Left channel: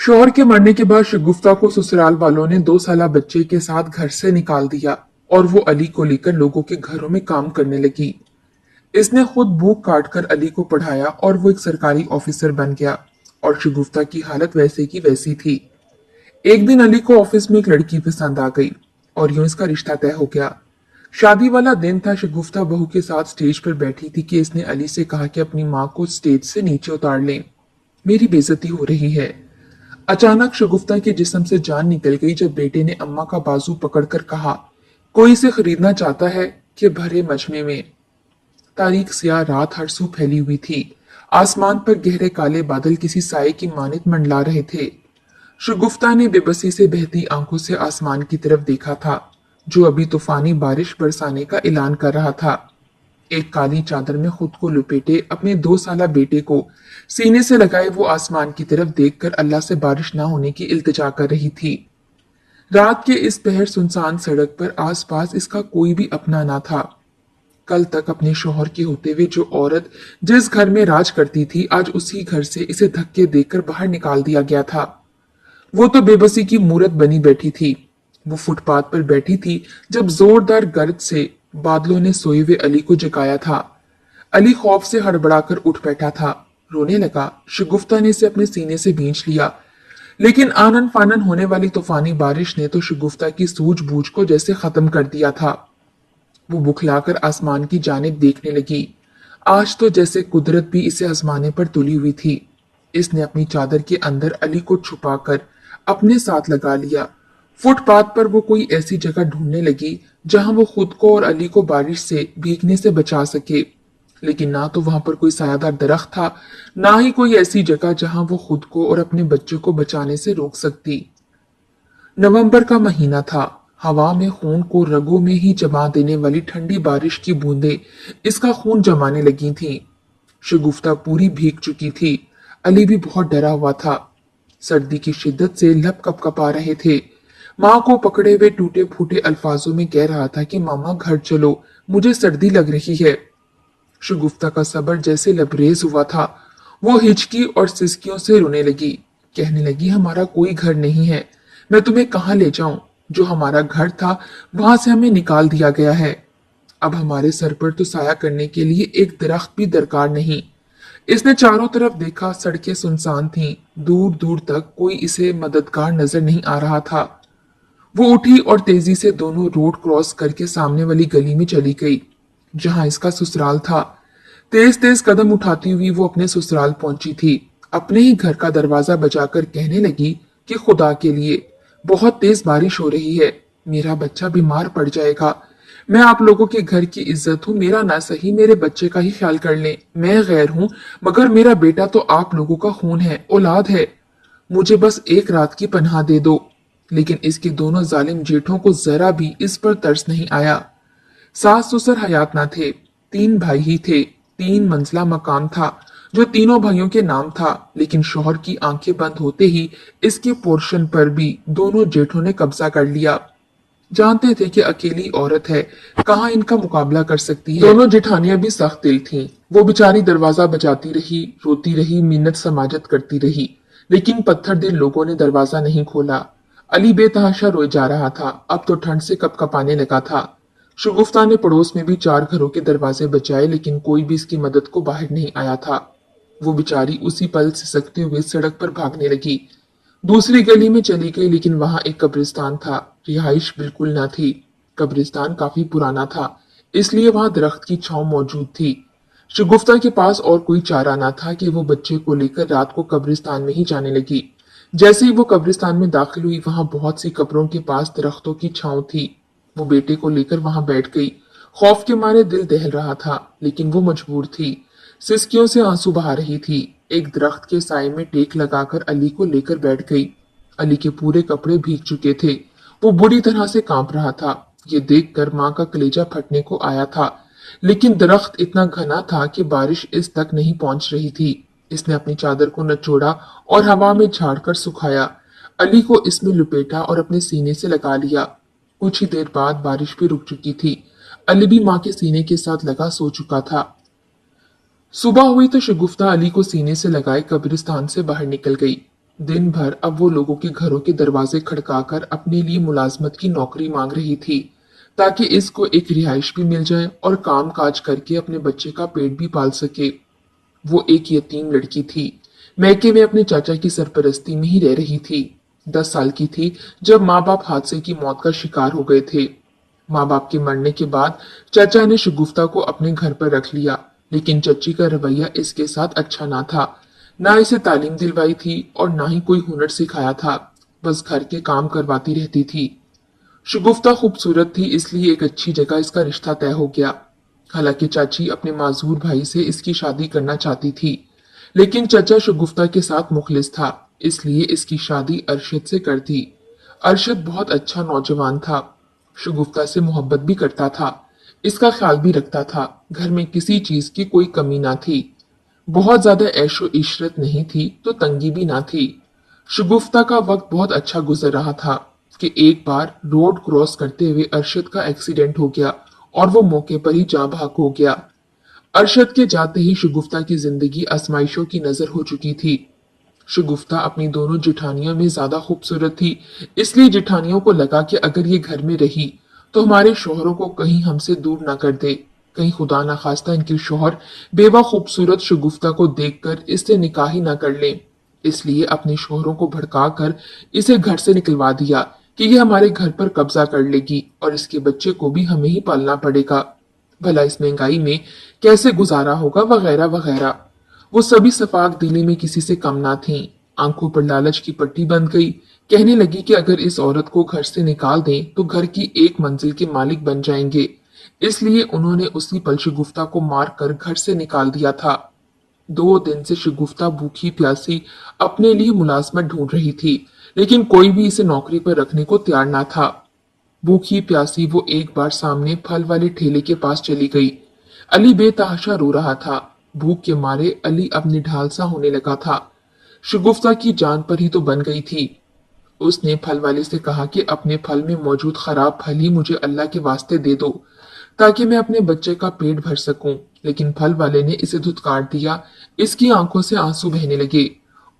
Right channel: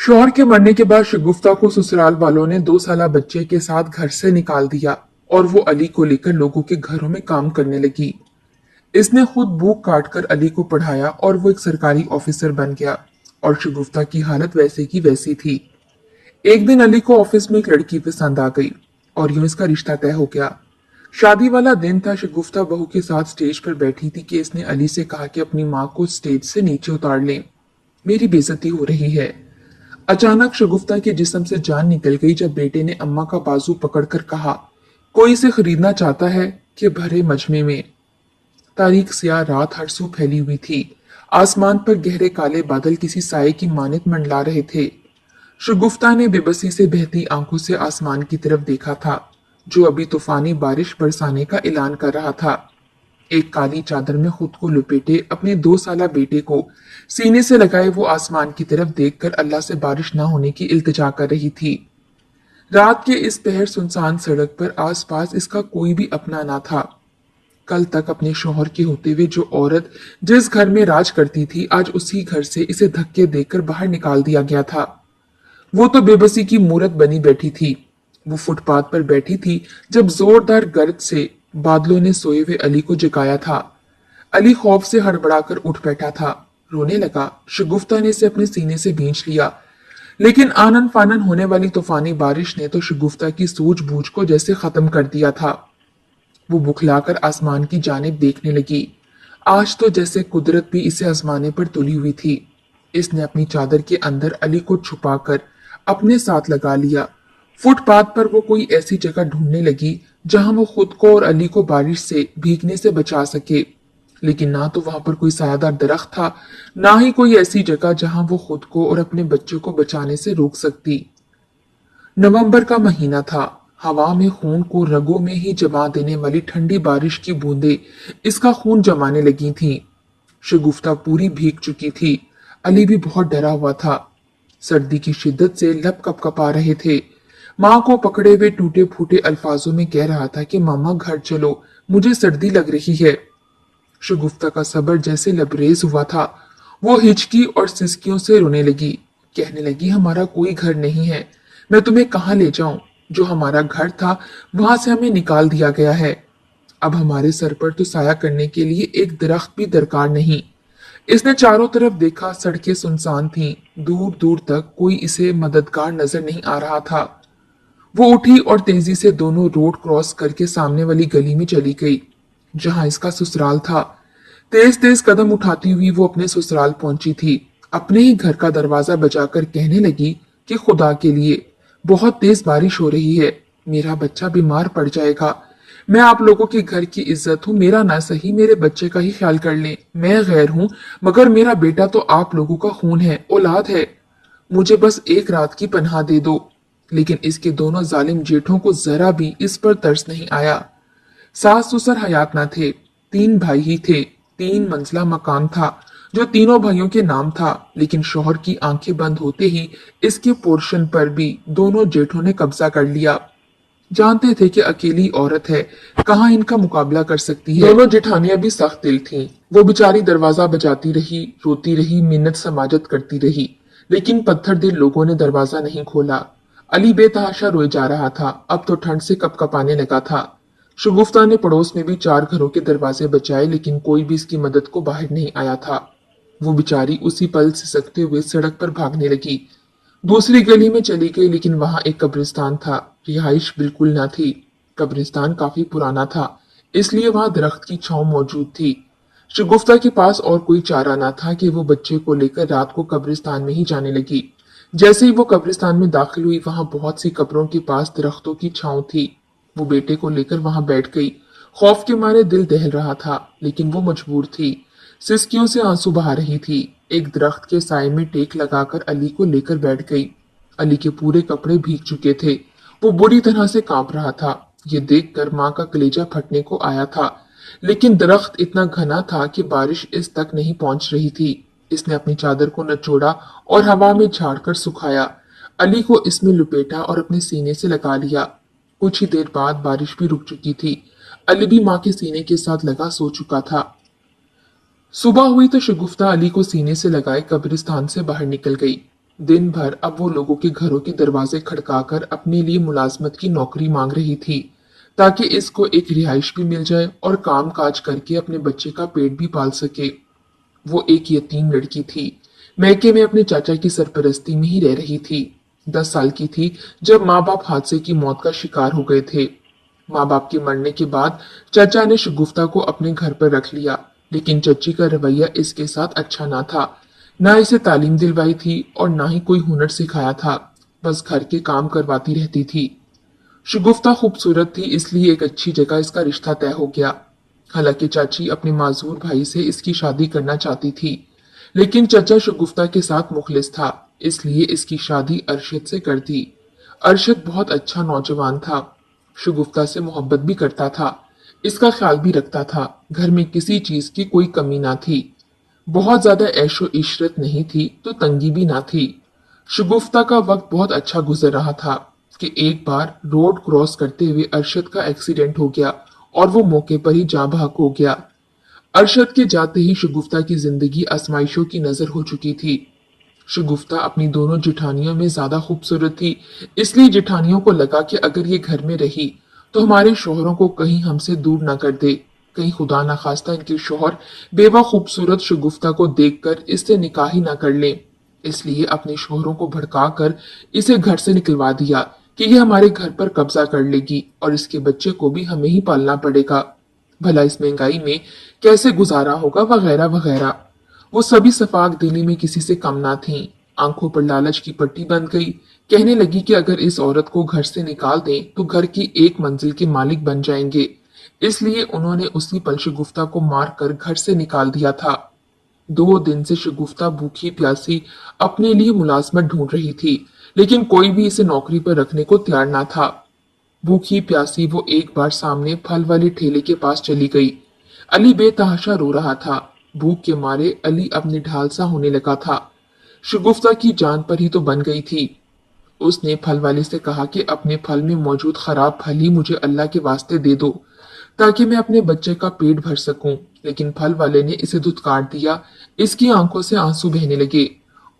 शौहर के मरने के बाद शगुफ्ता को ससुराल वालों ने 2 साल बच्चे के साथ घर से निकाल दिया और वो अली को लेकर लोगों के घरों में काम करने लगी। इसने खुद भूख काट कर अली को पढ़ाया और वो एक सरकारी ऑफिसर बन गया और शगुफ्ता की हालत वैसे की वैसी थी। एक दिन अली को ऑफिस में एक लड़की पसंद आ गई और यूं इसका रिश्ता तय हो गया। शादी वाला दिन था। शगुफ्ता बहू के साथ स्टेज पर बैठी थी कि इसने अली से कहा कि अपनी माँ को स्टेज से नीचे उतार लें, मेरी बेइज्जती हो रही है। अचानक शगुफ्ता के जिस्म से जान निकल गई जब बेटे ने अम्मा का बाजू पकड़कर कहा, कोई इसे खरीदना चाहता है कि भरे मजमे में। तारीख सियाह रात हर सू फैली हुई थी। आसमान पर गहरे काले बादल किसी साए की मानत मंडला रहे थे। शगुफ्ता ने बेबसी से बहती आंखों से आसमान की तरफ देखा था, जो अभी तूफानी बारिश बरसाने का ऐलान कर रहा था। एक काली चादर में खुद को लपेटे अपने 2 साल बेटे को सीने से लगाए वो आसमान की तरफ देखकर अल्लाह से बारिश न होने की इल्तिजा कर रही थी। रात के इस पहर सुनसान सड़क पर आसपास इसका कोई भी अपना ना था। कल तक अपने शौहर के होते हुए जो औरत जिस घर में राज करती थी, आज उसी घर से इसे धक्के देकर बाहर निकाल दिया गया था। वो तो बेबसी की मूरत बनी बैठी थी। वो फुटपाथ पर बैठी थी जब जोरदार गर्ज से बादलों ने सोए हुए अली को जगाया था। अली खौफ से हड़बड़ाकर उठ बैठा था, रोने लगा। शगुफ्ता ने इसे अपने सीने से भींच लिया, लेकिन आनन फानन होने वाली तूफानी बारिश ने तो शगुफ्ता की सूझबूझ को जैसे खत्म कर दिया था। वो बुखलाकर आसमान की जानिब देखने लगी। आज तो जैसे कुदरत भी इसे आजमाने पर तुली हुई थी। इसने अपनी चादर के अंदर अली को छुपाकर अपने साथ लगा लिया। फुटपाथ पर वो कोई ऐसी जगह ढूंढने लगी जहां वो खुद को और अली को बारिश से भीगने से बचा सके, लेकिन ना तो वहां पर कोई सायादार दरख्त था, ना ही कोई ऐसी जगह जहां वो खुद को और अपने बच्चे को बचाने से रोक सकती। नवंबर का महीना था। हवा में खून को रगों में ही जमा देने वाली ठंडी बारिश की बूंदें इसका खून जमाने लगी थीं। शगुफ्ता पूरी भीग चुकी थी। अली भी बहुत डरा हुआ था। सर्दी की शिद्दत से लब कपकपा रहे थे। माँ को पकड़े हुए टूटे फूटे अल्फाजों में कह रहा था कि मामा घर चलो, मुझे सर्दी लग रही है। शगुफ्ता का सब्र जैसे लबरेज हुआ था। वो हिचकी और सिसकियों से रोने लगी। कहने लगी, हमारा कोई घर नहीं है, मैं तुम्हें कहाँ ले जाऊं? जो हमारा घर था वहां से हमें निकाल दिया गया है। अब हमारे सर पर तो साया करने के लिए एक दरख्त भी दरकार नहीं। इसने चारों तरफ देखा, सड़कें सुनसान थीं। दूर दूर तक कोई इसे मददगार नजर नहीं आ रहा था। वो उठी और तेजी से दोनों रोड क्रॉस करके सामने वाली गली में चली गई, जहां इसका ससुराल था। तेज तेज कदम उठाती हुई वो अपने ससुराल पहुंची थी। अपने ही घर का दरवाजा बजाकर कहने लगी कि खुदा के लिए, बहुत तेज बारिश हो रही है, मेरा बच्चा बीमार पड़ जाएगा। मैं आप लोगों के घर की इज्जत हूँ, मेरा ना सही मेरे बच्चे का ही ख्याल कर लें। मैं गैर हूँ, मगर मेरा बेटा तो आप लोगों का खून है, औलाद है। मुझे बस एक रात की पनाह दे दो। लेकिन इसके दोनों जालिम जेठों को जरा भी इस पर तरस नहीं आया। सास ससुर हयात ना थे। 3 भाई ही थे। 3 मंजिला मकान था जो तीनों भाइयों के नाम था, लेकिन शौहर की आंखें बंद होते ही इसके पोर्शन पर भी दोनों जेठों ने कब्जा कर लिया। जानते थे कि अकेली औरत है, कहाँ इनका मुकाबला कर सकती है। दोनों जेठानियां भी सख्त दिल थीं। वो बेचारी दरवाजा बजाती रही, रोती रही, मिन्नत समाजत करती रही, लेकिन पत्थर दिल लोगों ने दरवाजा नहीं खोला। अली बेतहाशा रोए जा रहा था। अब तो ठंड से कपकपाने लगा था। शगुफ्ता ने पड़ोस में भी 4 घरों के दरवाजे बचाए, लेकिन कोई भी इसकी मदद को बाहर नहीं आया था। वो बेचारी उसी पल सिसकते हुए सड़क पर भागने लगी। दूसरी गली में चली गई, लेकिन वहां एक कब्रिस्तान था। रिहाइश बिल्कुल ना थी। कब्रिस्तान काफी पुराना था, इसलिए वहां दरख्त की छांव मौजूद थी। शगुफ्ता के पास और कोई चारा ना था कि वो बच्चे को लेकर रात को कब्रिस्तान में ही जाने लगी। जैसे ही वो कब्रिस्तान में दाखिल हुई, वहां बहुत सी कब्रों के पास दरख्तों की छांव थी। वो बेटे को लेकर वहां बैठ गई। खौफ के मारे दिल दहल रहा था, लेकिन वो मजबूर थी। सिसकियों से आंसू बहा रही थी। एक दरख्त के साए में टेक लगाकर अली को लेकर बैठ गई। अली के पूरे कपड़े भीग चुके थे। वो बुरी तरह से कांप रहा था। ये देखकर माँ का कलेजा फटने को आया था, लेकिन दरख्त इतना घना था कि बारिश इस तक नहीं पहुंच रही थी। इसने अपनी चादर को नचोड़ा और हवा में झाड़कर सुखाया। अली को इसमें लुपेटा और अपने सीने से लगा लिया। कुछ ही देर बाद बारिश भी रुक चुकी थी। अली भी माँ के सीने के साथ लगा सो चुका था। सुबह हुई तो शगुफ्ता अली को सीने से लगाए कब्रिस्तान से बाहर निकल गई। दिन भर अब वो लोगों के घरों के दरवाजे खड़काकर अपने लिए मुलाजमत की नौकरी मांग रही थी, ताकि इसको एक रिहाइश भी मिल जाए और काम काज करके अपने बच्चे का पेट भी पाल सके। वो एक यतीम लड़की थी, मैके में अपने चाचा की सरपरस्ती में ही रह रही थी। 10 साल की थी जब माँ बाप हादसे की मौत का शिकार हो गए थे। माँ बाप के मरने के बाद चाचा ने शगुफ्ता को अपने घर पर रख लिया, लेकिन चची का रवैया इसके साथ अच्छा ना था। ना इसे तालीम दिलवाई थी और ना ही कोई हुनर सिखाया था, बस घर के काम करवाती रहती थी। शगुफ्ता खूबसूरत थी, इसलिए एक अच्छी जगह इसका रिश्ता तय हो गया। हालांकि चाची अपने माजूर भाई से इसकी शादी करना चाहती थी, लेकिन चचा शगुफ्ता के साथ मुखलिस था, इसलिए इसकी शादी अरशद से कर दी। अरशद बहुत अच्छा नौजवान था, शगुफ्ता से मोहब्बत भी करता था, इसका ख्याल भी रखता था। घर में किसी चीज की कोई कमी ना थी। बहुत ज्यादा ऐशो इशरत नहीं थी तो तंगी भी ना थी। शगुफ्ता का वक्त बहुत अच्छा गुजर रहा था कि एक बार रोड क्रॉस करते हुए अरशद का एक्सीडेंट हो गया और वो मौके पर ही जाँ बहक हो गया। अरशद के जाते ही शगुफ्ता की जिंदगी आजमाइशों की नजर हो चुकी थी। शगुफ्ता अपनी दोनों जिठानियों में ज्यादा खूबसूरत थी, इसलिए जिठानियों को लगा कि अगर ये घर में रही तो हमारे शोहरों को कहीं हमसे दूर ना कर दे। कहीं खुदा ना खास्ता इनके शोहर बेवा खूबसूरत शगुफ्ता को देखकर इससे निकाह ही ना कर ले। इसलिए अपने शोहरों को भड़काकर इसे घर से निकलवा दिया कि ये हमारे घर पर कब्जा कर लेगी और इसके बच्चे को भी हमें ही पालना पड़ेगा। भला इस महंगाई में कैसे गुजारा होगा, वगैरह वगैरह। वो सभी सफाक दिली में किसी से कम ना थी। आंखों पर लालच की पट्टी बंध गई। कहने लगी कि अगर इस औरत को घर से निकाल दें तो घर की एक मंजिल के मालिक बन जाएंगे। इसलिए उन्होंने उसी पल शगुफ्ता को मार कर घर से निकाल दिया था। 2 दिन से शगुफ्ता भूखी प्यासी अपने लिए मुलाजमत ढूंढ रही थी, लेकिन कोई भी इसे नौकरी पर रखने को तैयार ना था। भूखी प्यासी वो एक बार सामने फल वाले ठेले के पास चली गई। अली बेतहाशा रो रहा था। भूख के मारे अली अब निढाल सा होने लगा था। शगुफ्ता की जान पर ही तो बन गई थी। उसने फल वाले से कहा कि अपने फल में मौजूद खराब फल ही मुझे अल्लाह के वास्ते दे दो, ताकि मैं अपने बच्चे का पेट भर सकूं। लेकिन फल वाले ने इसे धुतकार दिया। इसकी आंखों से आंसू बहने लगे।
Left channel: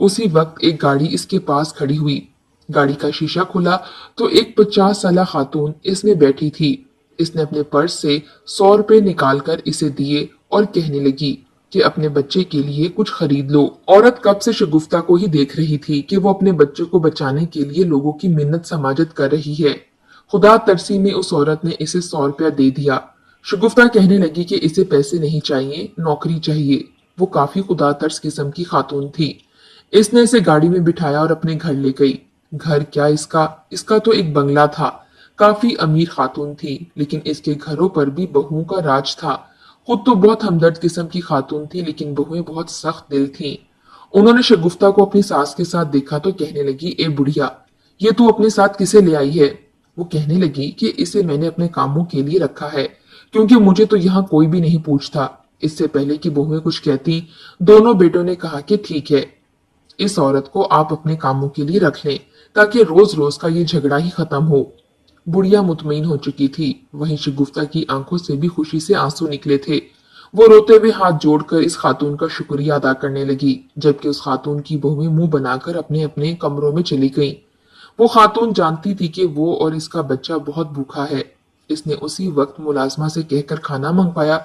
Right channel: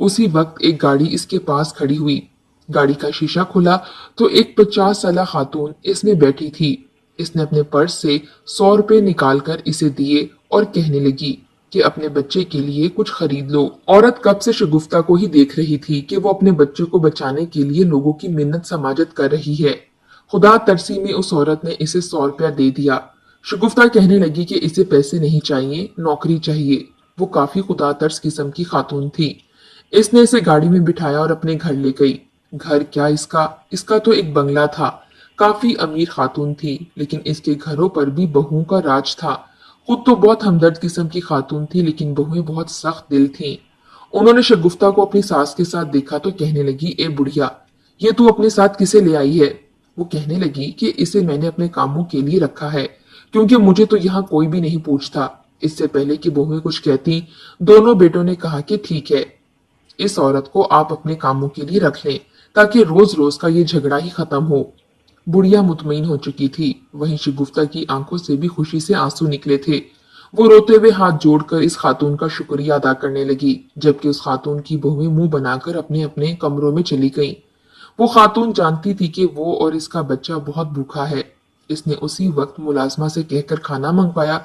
उसी वक्त एक गाड़ी इसके पास खड़ी हुई। गाड़ी का शीशा खुला तो एक 50 साला खातून इसमें बैठी थी। इसने अपने पर्स से 100 रुपए निकालकर इसे दिए और कहने लगी कि अपने बच्चे के लिए कुछ खरीद लो। औरत कब से शगुफ्ता को ही देख रही थी कि वो अपने बच्चे को बचाने के लिए लोगों की मिन्नत समाजत कर रही है। खुदा तरसी में उस औरत ने इसे 100 रुपया दे दिया। शगुफ्ता कहने लगी कि इसे पैसे नहीं चाहिए, नौकरी चाहिए। वो काफी खुदा तरस किस्म की खातून थी। इसने इसे गाड़ी में बिठाया और अपने घर ले गई। घर क्या, इसका इसका तो एक बंगला था। काफी अमीर खातून थी, लेकिन इसके घरों पर भी बहुओं का राज था। खुद तो बहुत हमदर्द किस्म की खातून थी, लेकिन बहुएं बहुत सख्त दिल थीं। उन्होंने शगुफ्ता को अपनी सास के साथ देखा तो कहने लगी, ए बुढ़िया, ये तू अपने साथ किसे ले आई है? वो कहने लगी कि इसे मैंने अपने कामों के लिए रखा है, क्योंकि मुझे तो यहाँ कोई भी नहीं पूछता। इससे पहले कि बहुएं कुछ कहती, दोनों बेटों ने कहा कि ठीक है, इस औरत को आप अपने कामों के लिए रख लें, ताकि रोज रोज का ये झगड़ा ही खत्म हो। बुढ़िया मुतमईन हो चुकी थी। वहीं शगुफ्ता की आंखों से भी खुशी से आंसू निकले थे। वो रोते हुए हाथ जोड़कर इस खातून का शुक्रिया अदा करने लगी, जबकि उस खातून की बहुएं मुंह बनाकर अपने अपने कमरों में चली गईं। वो खातून जानती थी कि वो और इसका बच्चा बहुत भूखा है। इसने उसी वक्त मुलाजमा से कहकर खाना मंगवाया।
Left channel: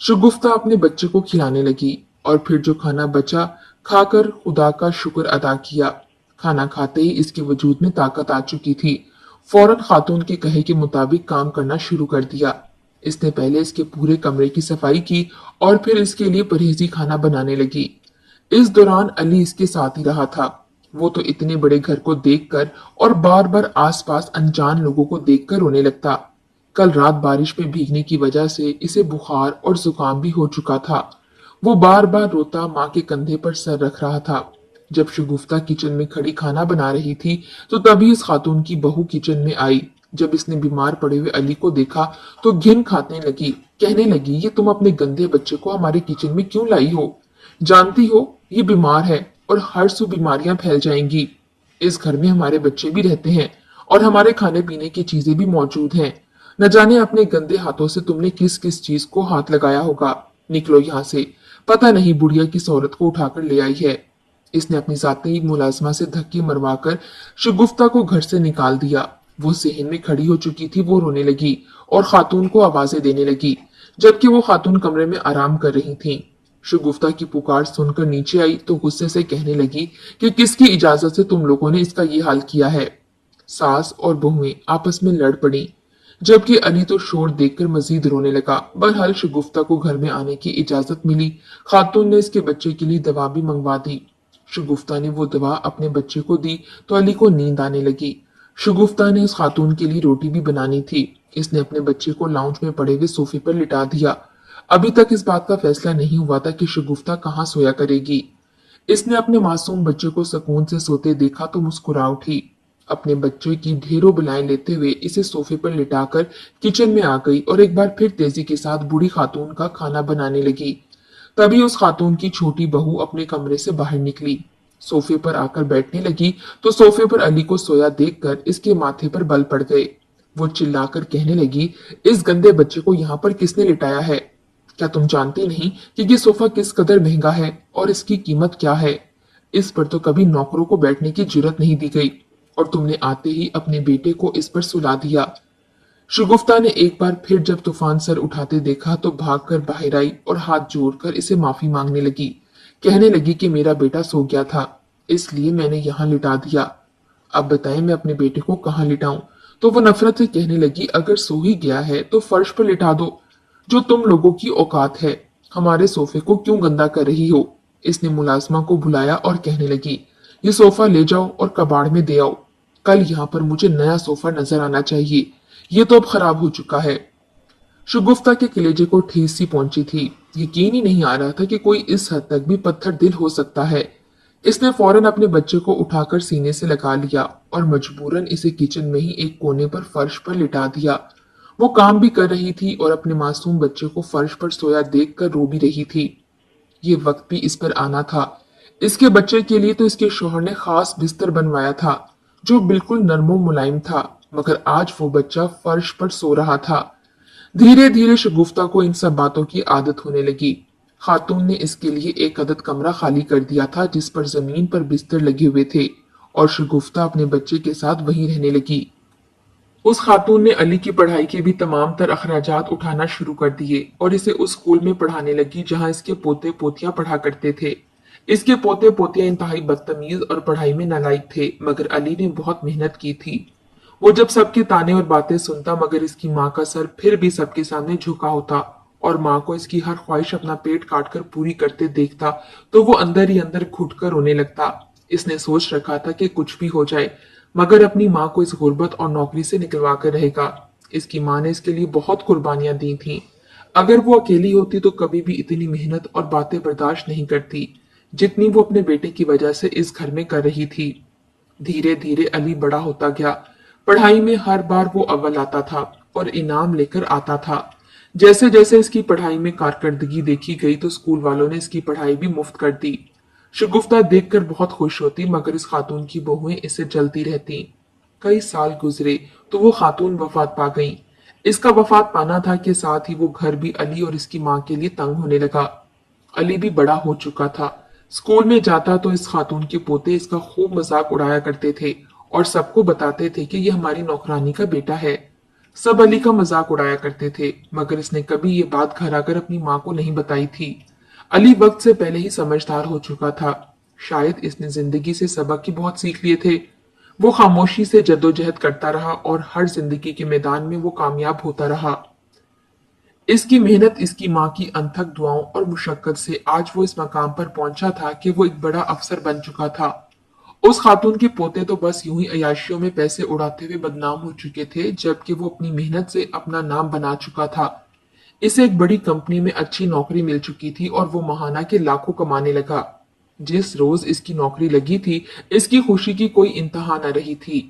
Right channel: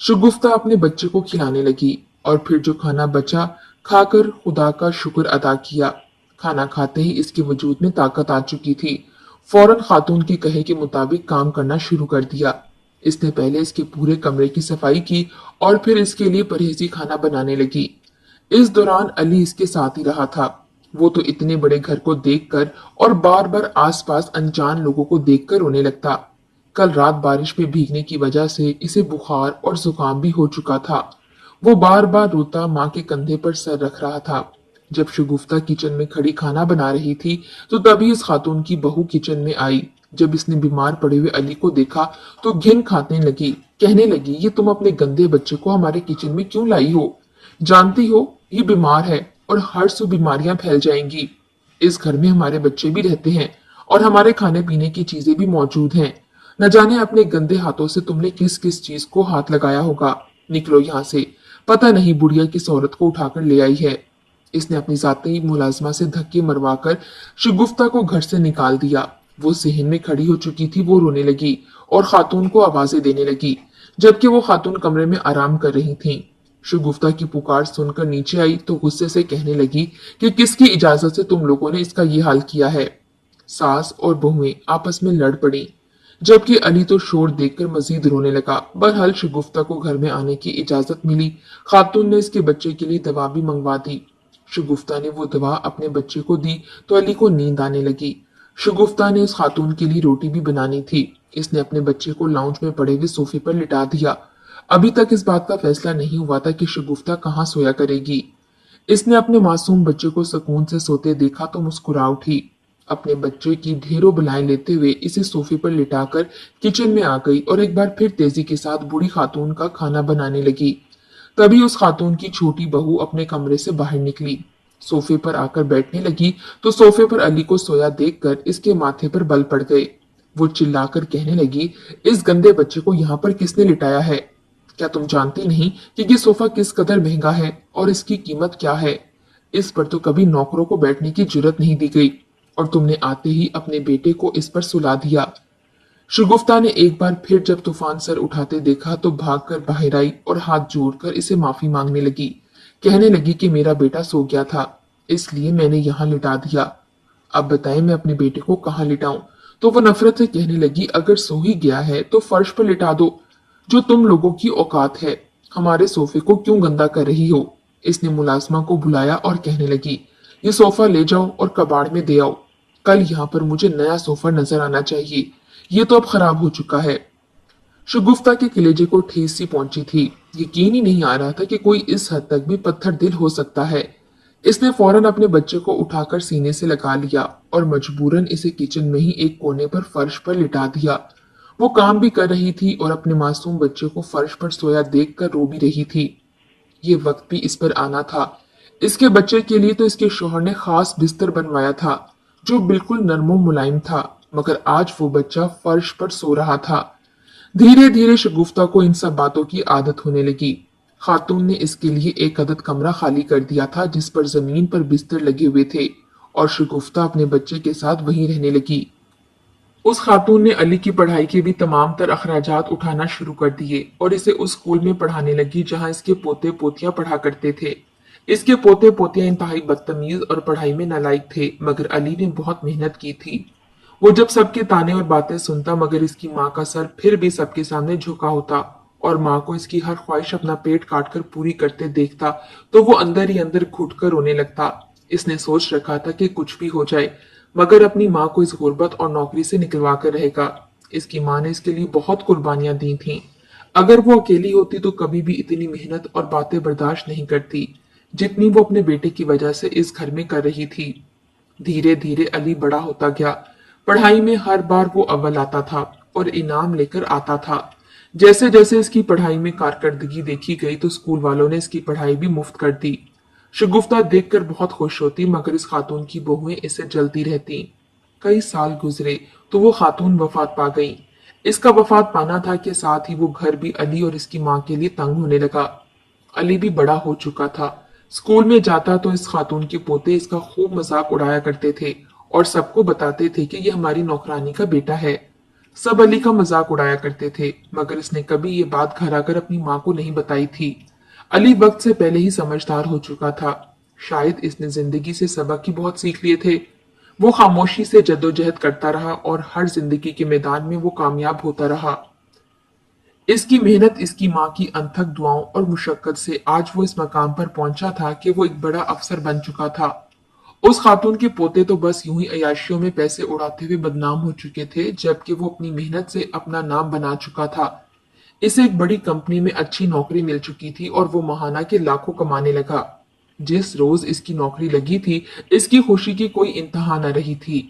शगुफ्ता अपने बच्चे को खिलाने लगी और फिर जो खाना बचा खाकर खुदा का शुक्र अदा किया। खाना खाते ही इसके वजूद में ताकत आ चुकी थी। फौरन खातून के कहे के मुताबिक काम करना शुरू कर दिया। इसने पहले इसके पूरे कमरे की सफाई की और फिर इसके लिए परहेजी खाना बनाने लगी। इस दौरान अली इसके साथ ही रहा था। वो तो इतने बड़े घर को देखकर और बार बार आसपास अनजान लोगों को देखकर रोने लगता। कल रात बारिश में भीगने की वजह से इसे बुखार और जुकाम भी हो चुका था। वो बार बार रोता माँ के कंधे पर सर रख रहा था। जब शगुफ्ता किचन में खड़ी खाना बना रही थी तो तभी इस खातून की बहू किचन में आई। जब इसने बीमार पड़े हुए अली को देखा तो घिन खाने लगी। कहने लगी, ये तुम अपने गंदे बच्चे को हमारे किचन में क्यों लाई हो? जानती हो ये बीमार है और हर सौ बीमारियां फैल जाएंगी। इस घर में हमारे बच्चे भी रहते हैं और हमारे खाने पीने की चीजें भी मौजूद हैं। न जाने अपने गंदे हाथों से तुमने किस किस चीज को हाथ लगाया होगा। निकलो यहाँ से। पता नहीं बुढ़िया किस औरत को उठाकर ले आई है। इसने अपनी जाती मुलाजमा से धक्के मरवाकर शगुफ्ता को घर से निकाल दिया। वो सहन में खड़ी हो चुकी थी। वो रोने लगी और खातून को आवाजें देने लगी, जबकि वो खातून कमरे में आराम कर रही थी। शगुफ्ता की पुकार सुनकर नीचे आई तो गुस्से से कहने लगी कि किसकी इजाजत से तुम लोगों ने इसका ये हाल किया है। सास और बहुएं आपस में लड़ पड़ी, जबकि अली तो शोर देखकर मजीद रोने लगा। बहरहाल शगुफ्ता को घर में आने की इजाजत मिली। खातून ने इसके बच्चे के लिए दवा भी मंगवा दी। शगुफ्ता ने वो दवा अपने बच्चे को दी तो अली को नींद आने लगी। शगुफ्ता ने उस खातून के लिए रोटी भी बनानी थी। इसने अपने बच्चे को लाउंज में पड़े हुए सोफे पर लिटा दिया। अभी तक इस बात का फैसला नहीं हुआ था कि शगुफ्ता कहाँ सोया करेगी। इसने अपने मासूम बच्चे को सुकून से सोते देखा तो मुस्कुरा उठी। अपने बच्चे की ढेरों बुलाएं लेते हुए इसे सोफे पर लिटाकर किचन में आ गई और एक बार फिर तेजी के साथ बूढ़ी खातून का खाना बनाने लगी। तभी उस खातून की छोटी बहू अपने कमरे से बाहर निकली। सोफे पर आकर बैठने लगी तो सोफे पर अली को सोया देखकर इसके माथे पर बल पड़ गए। वो चिल्लाकर कहने लगी, इस गंदे बच्चे को यहाँ पर किसने लिटाया है? क्या तुम जानती नहीं कि ये सोफा किस कदर महंगा है और इसकी कीमत क्या है? इस पर तो कभी नौकरों को बैठने की जुर्रत नहीं दी गई और तुमने आते ही अपने बेटे को इस पर सुला दिया। शगुफ्ता ने एक बार फिर जब तूफान सर उठाते देखा तो भागकर बाहर आई और हाथ जोड़कर इसे माफी मांगने लगी। कहने लगी कि मेरा बेटा सो गया था, इसलिए मैंने यहाँ लिटा दिया। अब बताएं मैं अपने बेटे को कहाँ लिटाऊं? तो वो नफरत से कहने लगी, अगर सो ही गया है तो फर्श पर लिटा दो, जो तुम लोगों की औकात है। हमारे सोफे को क्यों गंदा कर रही हो? इसने मुलाजमा को बुलाया और कहने लगी, ये सोफा ले जाओ और कबाड़ में दे आओ। कल यहाँ पर मुझे नया सोफा नजर आना चाहिए। ये तो अब खराब हो चुका है। शगुफ्ता के कलेजे को ठेस सी पहुंची थी। यकीन ही नहीं आ रहा था कि कोई इस हद तक भी पत्थर दिल हो सकता है। इसने फौरन अपने बच्चे को उठाकर सीने से लगा लिया और मजबूरन इसे किचन में ही एक कोने पर फर्श पर लिटा दिया। वो काम भी कर रही थी और अपने मासूम बच्चे को फर्श पर सोया देखकर रो भी रही थी। ये वक्त भी इस पर आना था। इसके बच्चे के लिए तो इसके शोहर ने खास बिस्तर बनवाया था, जो बिल्कुल नरमो मुलायम था, मगर आज वो बच्चा फर्श पर सो रहा था। धीरे धीरे शगुफ्ता को इन सब बातों की आदत होने लगी। खातून ने इसके लिए एक अदद कमरा खाली कर दिया था, जिस पर जमीन पर बिस्तर लगे हुए थे, और शगुफ्ता अपने बच्चे के साथ वहीं रहने लगी। उस खातून ने अली की पढ़ाई के भी तमाम तर अखराजात उठाना शुरू कर दिए और इसे उस स्कूल में पढ़ाने लगी जहां इसके पोते पोतियां पढ़ा करते थे। इसके पोते पोतियां इंतहाई बदतमीज और पढ़ाई में नालायक थे, मगर अली ने बहुत मेहनत की थी। वो जब सबके ताने और बातें सुनता, मगर इसकी माँ का सर फिर भी सबके सामने झुका होता और माँ को इसकी हर ख्वाहिश अपना पेट काट कर पूरी करते देखता तो वो अंदर ही अंदर घुट कर रोने लगता। इसने सोच रखा था कि कुछ भी हो जाए, मगर अपनी माँ को इस गुर्बत और नौकरी से निकलवा कर रहेगा। इसकी माँ ने इसके लिए बहुत कुर्बानियां दी थीं। अगर वो अकेली होती तो कभी भी इतनी मेहनत और बातें बर्दाश्त नहीं करती, जितनी वो अपने बेटे की वजह से इस घर में कर रही थी। धीरे धीरे अली बड़ा होता गया। पढ़ाई में हर बार वो अव्वल आता था और इनाम लेकर आता था। जैसे जैसे इसकी पढ़ाई में कारकर्दगी देखी गई तो स्कूल वालों ने इसकी पढ़ाई भी मुफ्त कर दी। शगुफ्ता देखकर बहुत खुश होती, मगर इस खातून की बहुएं इसे जलती रहती। कई साल गुजरे तो वो खातून वफात पा गई। इसका वफात पाना था के साथ ही वो घर भी अली और इसकी माँ के लिए तंग होने लगा। अली भी बड़ा हो चुका था। स्कूल में जाता तो इस खातून के पोते इसका खूब मजाक उड़ाया करते थे और सबको बताते थे कि ये हमारी नौकरानी का बेटा है। सब अली का मजाक उड़ाया करते थे, मगर इसने कभी ये बात घर आकर अपनी माँ को नहीं बताई थी। अली वक्त से पहले ही समझदार हो चुका था। शायद इसने जिंदगी से सबक ही बहुत सीख लिए थे। वो खामोशी से जद्दोजहद करता रहा और हर जिंदगी के मैदान में वो कामयाब होता रहा। इसकी मेहनत, इसकी माँ की अनथक दुआओं और मुशक्कत से आज वो इस मकाम पर पहुंचा था कि वो एक बड़ा अफसर बन चुका था। उस खातून के पोते तो बस यूं ही अयाशियों में पैसे उड़ाते हुए बदनाम हो चुके थे, जबकि वो अपनी मेहनत से अपना नाम बना चुका था। इसे एक बड़ी कंपनी में अच्छी नौकरी मिल चुकी थी और वो महाना के लाखों कमाने लगा। जिस रोज इसकी नौकरी लगी थी, इसकी खुशी की कोई इंतहा न रही थी।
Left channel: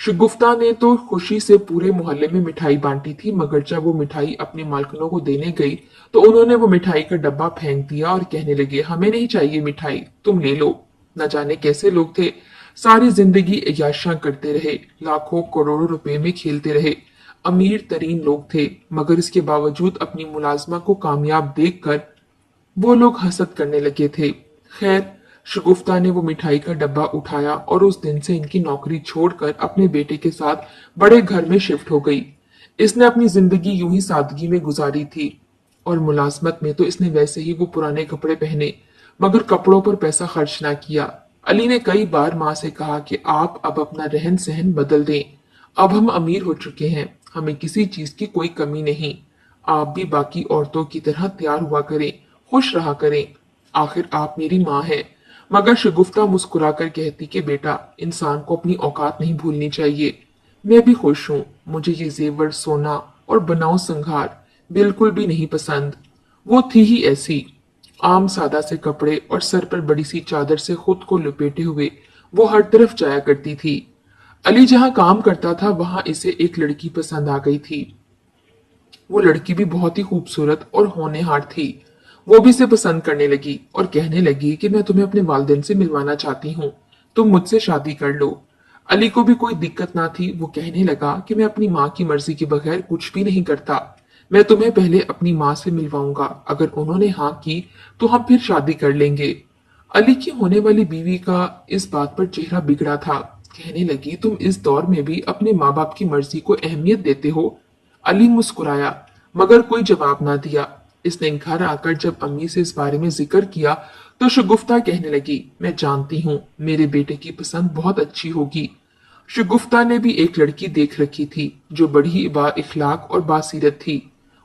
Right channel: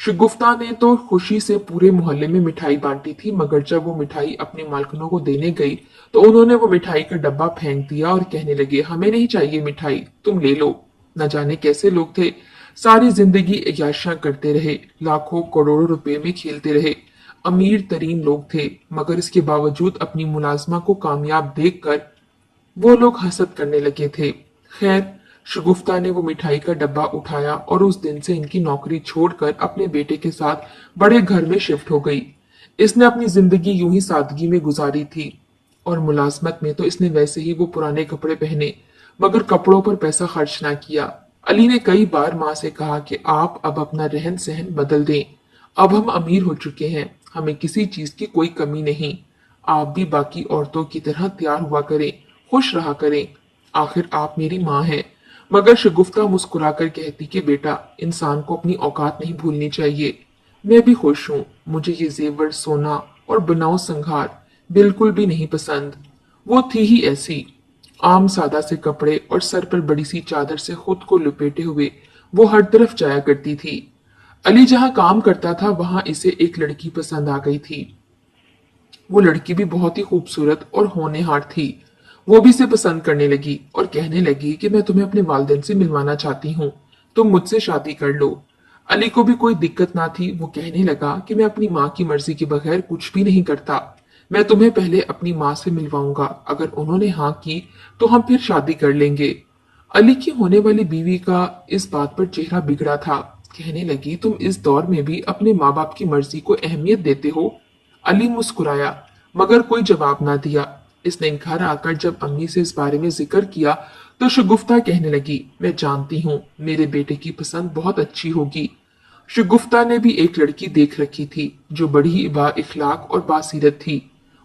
शगुफ्ता ने तो खुशी से पूरे मोहल्ले में मिठाई बांटी थी, मगर जब वो मिठाई अपने मालकिनों को देने गई तो उन्होंने वो मिठाई का डब्बा फेंक दिया और कहने लगे, हमें नहीं चाहिए मिठाई, तुम ले लो। न जाने कैसे लोग थे, सारी जिंदगी अय्याशियां करते रहे, लाखों करोड़ों रुपए में खेलते रहे। अमीर तरीन लोग थे, मगर इसके बावजूद अपनी मुलाजमा को कामयाब देखकर वो लोग हसद करने लगे थे। खैर, शगुफ्ता ने वो मिठाई का डब्बा उठाया और उस दिन से इनकी नौकरी छोड़कर अपने बेटे के साथ बड़े घर में शिफ्ट हो गई। इसने अपनी जिंदगी यूं ही सादगी में गुजारी थी और मुलाजमत में तो इसने वैसे ही वो पुराने कपड़े पहने, मगर कपड़ों पर पैसा खर्च ना किया। अली ने कई बार माँ से कहा कि आप अब अपना रहन सहन बदल दें। अब हम अमीर हो चुके हैं, हमें किसी चीज की कोई कमी नहीं। आप भी बाकी औरतों की तरह तैयार हुआ करें, खुश रहा करें। आखिर आप मेरी माँ हैं। मगर शगुफ्ता मुस्कुराकर कहती कि बेटा, इंसान को अपनी औकात नहीं भूलनी चाहिए। मैं भी खुश हूँ। मुझे ये जेवर, सोना और बनाओ संघार बिल्कुल भी नहीं पसंद। वो थी ही ऐसी, आम सादा से कपड़े और सर पर बड़ी सी चादर से खुद को लपेटे हुए वो हर तरफ जाया करती थी। अली जहाँ काम करता था वहां इसे एक लड़की पसंद आ गई थी। वो लड़की भी बहुत ही खूबसूरत और होनहार थी। वो भी इसे पसंद करने लगी और कहने लगी कि मैं तुम्हें अपने वालिदैन से मिलवाना चाहती हूँ, तुम मुझसे शादी कर लो। अली को भी कोई दिक्कत ना थी। वो कहने लगा कि मैं अपनी माँ की मर्जी के बगैर कुछ भी नहीं करता। मैं तुम्हें पहले अपनी माँ से मिलवाऊंगा, अगर उन्होंने हाँ की तो हम फिर शादी कर लेंगे। अली की होने वाली बीवी का इस बात पर चेहरा बिगड़ा था। कहने लगी, तुम इस दौर में भी अपने माँ बाप की मर्जी को अहमियत देते हो? अली मुस्कुराया, मगर कोई जवाब ना दिया। इसने घर आकर जब अम्मी से इस बारे में जिक्र किया तो शगुफ्ता कहने लगी, मैं जानती हूँ मेरे बेटे की पसंद बहुत अच्छी होगी। शगुफ्ता ने भी एक लड़की देख रखी थी जो बड़ी ही बा इखलाक और बासीरत थी।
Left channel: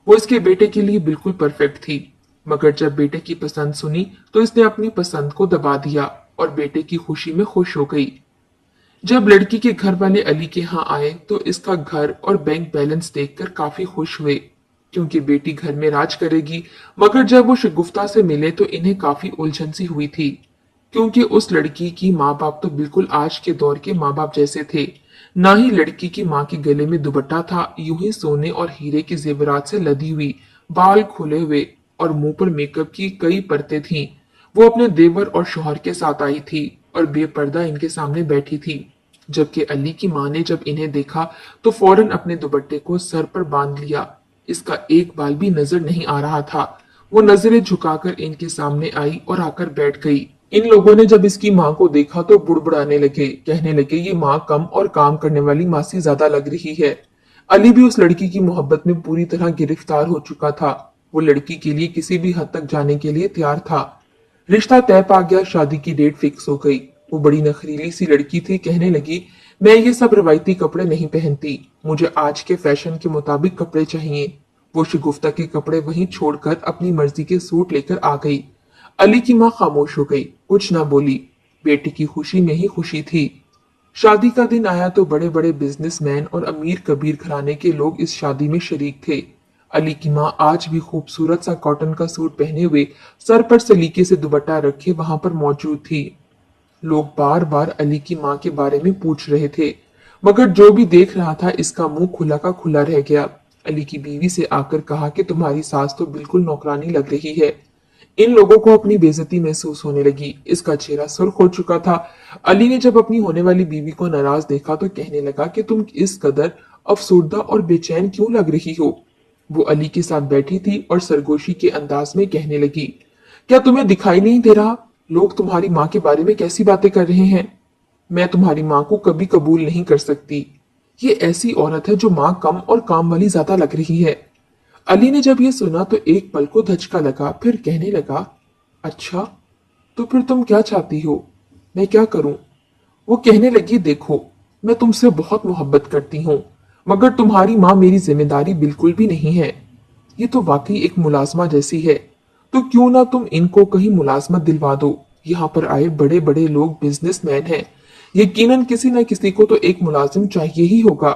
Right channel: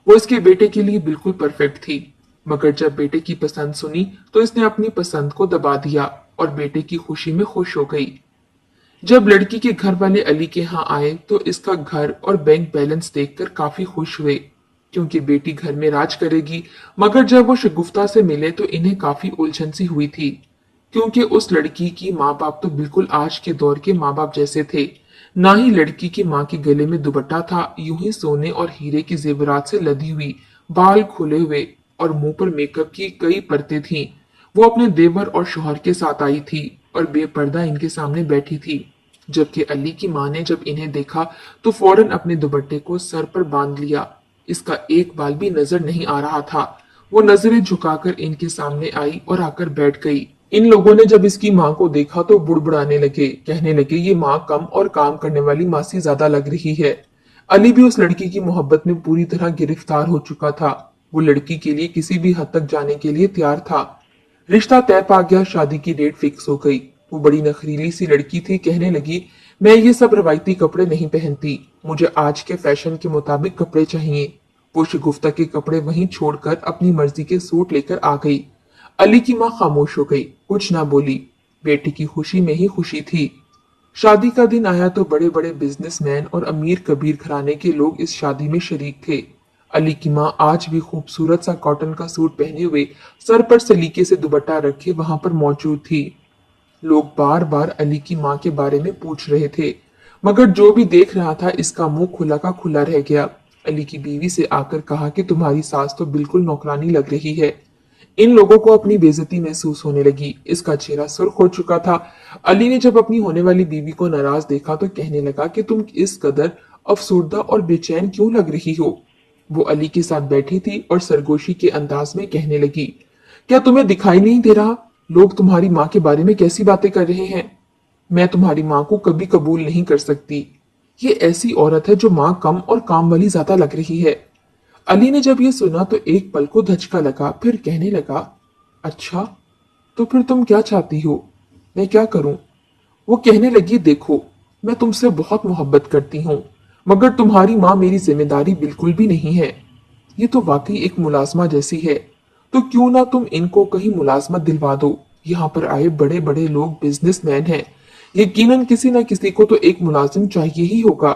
वो इसके बेटे के लिए बिल्कुल परफेक्ट थी। मगर जब बेटे की पसंद सुनी तो इसने अपनी पसंद को दबा दिया और बेटे की खुशी में खुश हो गई। जब लड़की के घर वाले अली के यहाँ आए तो इसका घर और बैंक बैलेंस देखकर काफी खुश हुए, क्योंकि बेटी घर में राज करेगी। मगर जब वो शगुफ्ता से मिले तो इन्हें काफी उलझन सी हुई थी, क्योंकि उस लड़की की माँ बाप तो बिल्कुल आज के दौर के माँ बाप जैसे थे। ना ही लड़की की माँ के गले में दुपट्टा था, यूं ही सोने और हीरे के जेवरात से लदी हुई, बाल खुले हुए और मुंह पर मेकअप की कई परतें थीं। वो अपने देवर और शौहर के साथ आई थी और बेपर्दा इनके सामने बैठी थी। जबकि अली की माँ ने जब इन्हें देखा तो फौरन अपने दुपट्टे को सर पर बांध लिया। इसका एक बाल भी नजर नहीं आ रहा था। वो नजरें झुकाकर इनके सामने आई और आकर बैठ गई। इन लोगों ने जब इसकी माँ को देखा तो बुड़बुड़ाने लगे, कहने लगे, ये माँ कम और काम करने वाली माँ से ज्यादा लग रही है। अली भी उस लड़की की मोहब्बत में पूरी तरह गिरफ्तार हो चुका था। वो लड़की के लिए किसी भी हद तक जाने के लिए तैयार था। रिश्ता तय पा गया, शादी की डेट फिक्स हो गई। वो बड़ी नखरीली सी लड़की थी, कहने लगी, मैं ये सब रवायती कपड़े नहीं पहनती, मुझे आज के फैशन के मुताबिक कपड़े चाहिए। वो शगुफ्ता के कपड़े वहीं छोड़कर अपनी मर्जी के सूट लेकर आ गई। अली की माँ खामोश हो गई, कुछ ना बोली। बेटी की खुशी में ही खुशी थी। शादी का दिन आया तो बड़े बड़े बिजनेसमैन और अमीर कबीर घराने के लोग इस शादी में शरीक थे। अली की माँ आज भी खूबसूरत सा कॉटन का सूट पहने हुए, सर पर सलीके से दुपट्टा रखे वहां पर मौजूद थी। लोग बार बार अली की माँ के बारे में पूछ रहे थे, मगर जो भी देख रहा था इसका मुंह खुला का खुला रह गया। अली की बीवी से आकर कहा कि तुम्हारी सास तो बिल्कुल नौकरानी लग रही है। इन लोगों को अपनी बेइज्जती महसूस होने लगी। इसका चेहरा सुर्ख हो चुका था। अली ने जब अपनी होने वाली बीवी को नाराज देखा तो कहने लगा कि तुम इस कदर अफसुर्दा और बेचैन क्यों लग रही हो? वो अली के साथ बैठी थी और सरगोशी के अंदाज में कहने लगी, क्या तुम्हें दिखाई नहीं दे रहा लोग तुम्हारी माँ के बारे में कैसी बातें कर रहे हैं? मैं तुम्हारी माँ को कभी कबूल नहीं कर सकती। ये ऐसी औरत है जो माँ कम और काम वाली ज्यादा लग रही है। अली ने जब ये सुना तो एक पल को धचका लगा, फिर कहने लगा, अच्छा, तो फिर तुम क्या चाहती हो? मैं क्या करूं? वो कहने लगी, देखो, मैं तुमसे बहुत मोहब्बत करती हूँ, मगर तुम्हारी माँ मेरी जिम्मेदारी बिल्कुल भी नहीं है। ये तो वाकई एक मुलाजमा जैसी है। तो क्यों ना तुम इनको कहीं मुलाजमत दिलवा दो। यहाँ पर आए बड़े बड़े लोग बिजनेसमैन हैं। यकीनन किसी न किसी को तो एक मुलाजिम चाहिए ही होगा।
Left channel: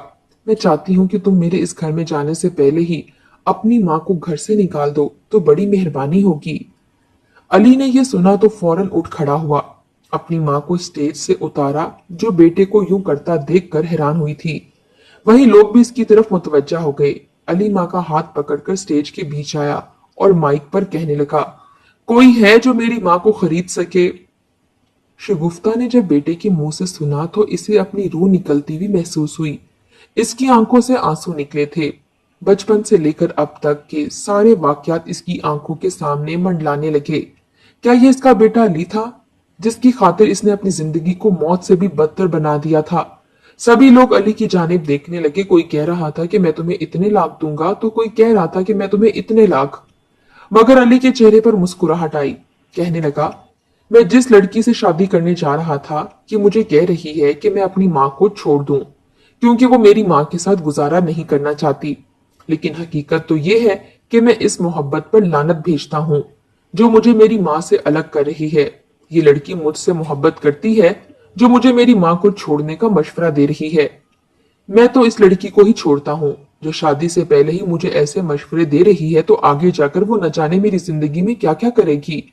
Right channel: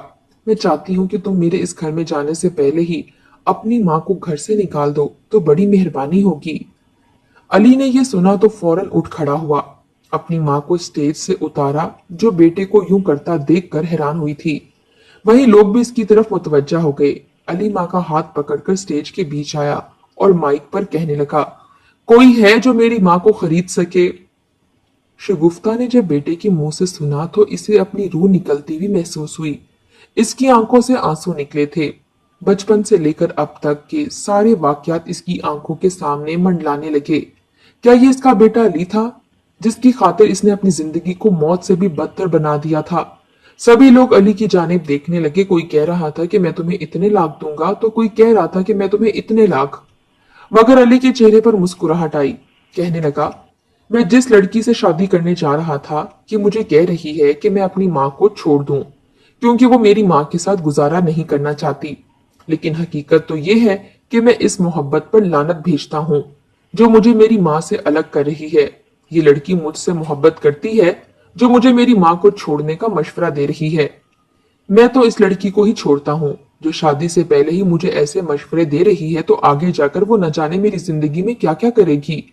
मैं चाहती हूँ कि तुम मेरे इस घर में जाने से पहले ही अपनी माँ को घर से निकाल दो तो बड़ी मेहरबानी होगी। अली ने यह सुना तो फौरन उठ खड़ा हुआ, अपनी माँ को स्टेज से उतारा, जो बेटे को यूं करता देखकर हैरान हुई थी। वहीं लोग भी इसकी तरफ मुतवज्जा हो गए। अली माँ का हाथ पकड़कर स्टेज के बीच आया और माइक पर कहने लगा, कोई है जो मेरी माँ को खरीद सके? शगुफ्ता ने जब बेटे के मुंह से सुना तो इसे अपनी रूह निकलती हुई महसूस हुई। इसकी आंखों से आंसू निकले थे। बचपन से लेकर अब तक के सारे वाकयात इसकी आंखों के सामने मंडलाने लगे। क्या ये इसका बेटा अली था? जिसकी खातिर इसने अपनी जिंदगी को मौत से भी बदतर बना दिया था। सभी लोग अली की जानिब देखने लगे। कोई कह रहा था कि मैं तुम्हें इतने लाख दूंगा, तो कोई कह रहा था कि मैं तुम्हें इतने लाख। मगर अली के चेहरे पर मुस्कुराहट आई। कहने लगा, मैं जिस लड़की से शादी करने जा रहा था, ये मुझे कह रही है कि मैं अपनी माँ को छोड़ दूं, क्योंकि वो मेरी माँ के साथ गुजारा नहीं करना चाहती। लेकिन हकीकत तो ये है कि मैं इस मोहब्बत पर लानत भेजता हूँ जो मुझे मेरी माँ से अलग कर रही है। ये लड़की मुझसे मोहब्बत करती है जो मुझे मेरी माँ को छोड़ने का मशवरा दे रही है। मैं तो इस लड़की को ही छोड़ता हूँ जो शादी से पहले ही मुझे ऐसे मशवरे दे रही है, तो आगे जाकर वो न जाने मेरी जिंदगी में क्या क्या करेगी।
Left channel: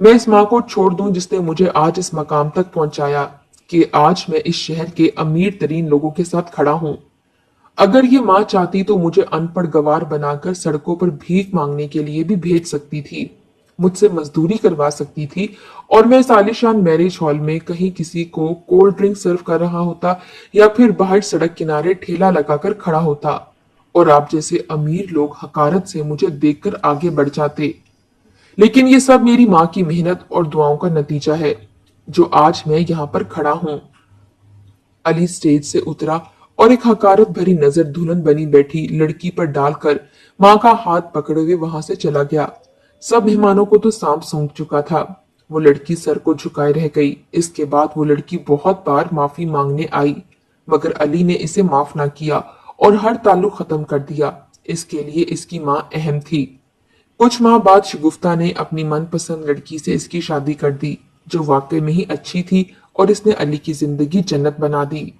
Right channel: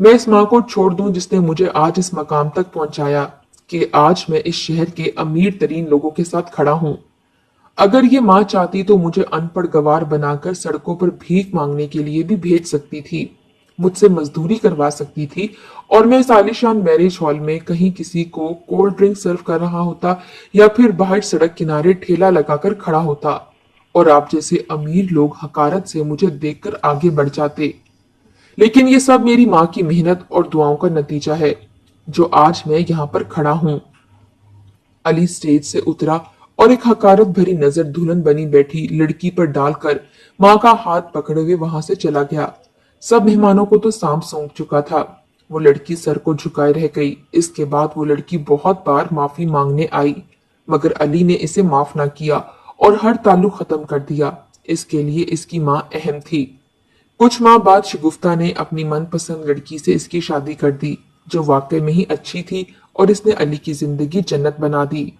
मैं इस माँ को छोड़ दूं जिसने मुझे आज इस मकाम तक पहुंचाया कि आज मैं इस शहर के अमीर तरीन लोगों के साथ खड़ा हूं। अगर ये माँ चाहती तो मुझे अनपढ़ गवार बनाकर सड़कों पर भीख मांगने के लिए भी भेज सकती थी, मुझसे मजदूरी करवा सकती थी, और मैं इस आलीशान मैरिज हॉल में कहीं किसी को कोल्ड ड्रिंक सर्व कर रहा होता, या फिर बाहर सड़क किनारे ठेला लगाकर खड़ा होता, और आप जैसे अमीर लोग हकारत से मुझे देखकर आगे बढ़ जाते। लेकिन ये सब मेरी माँ की मेहनत और दुआओं का नतीजा है जो आज मैं यहाँ पर खड़ा हूँ। अली स्टेज से उतरा और एक हकारत भरी नजर दुल्हन बनी बैठी लड़की पर डालकर माँ का हाथ पकड़े हुए वहां से चला गया। सब मेहमानों को तो सांप सूंघ चुका था। वो लड़की सर को झुकाए रह गई। इसके बाद वो लड़की बहुत बार माफी मांगने आई, मगर अली ने इसे माफ ना किया और हर ताल्लुक खत्म कर दिया। इसके लिए इसकी माँ अहम थी। कुछ माह बाद शगुफ्ता ने अपनी मनपसंद लड़की से इसकी शादी कर दी, जो वाकई में ही अच्छी थी, और इसने अली की जिंदगी जन्नत बना दी।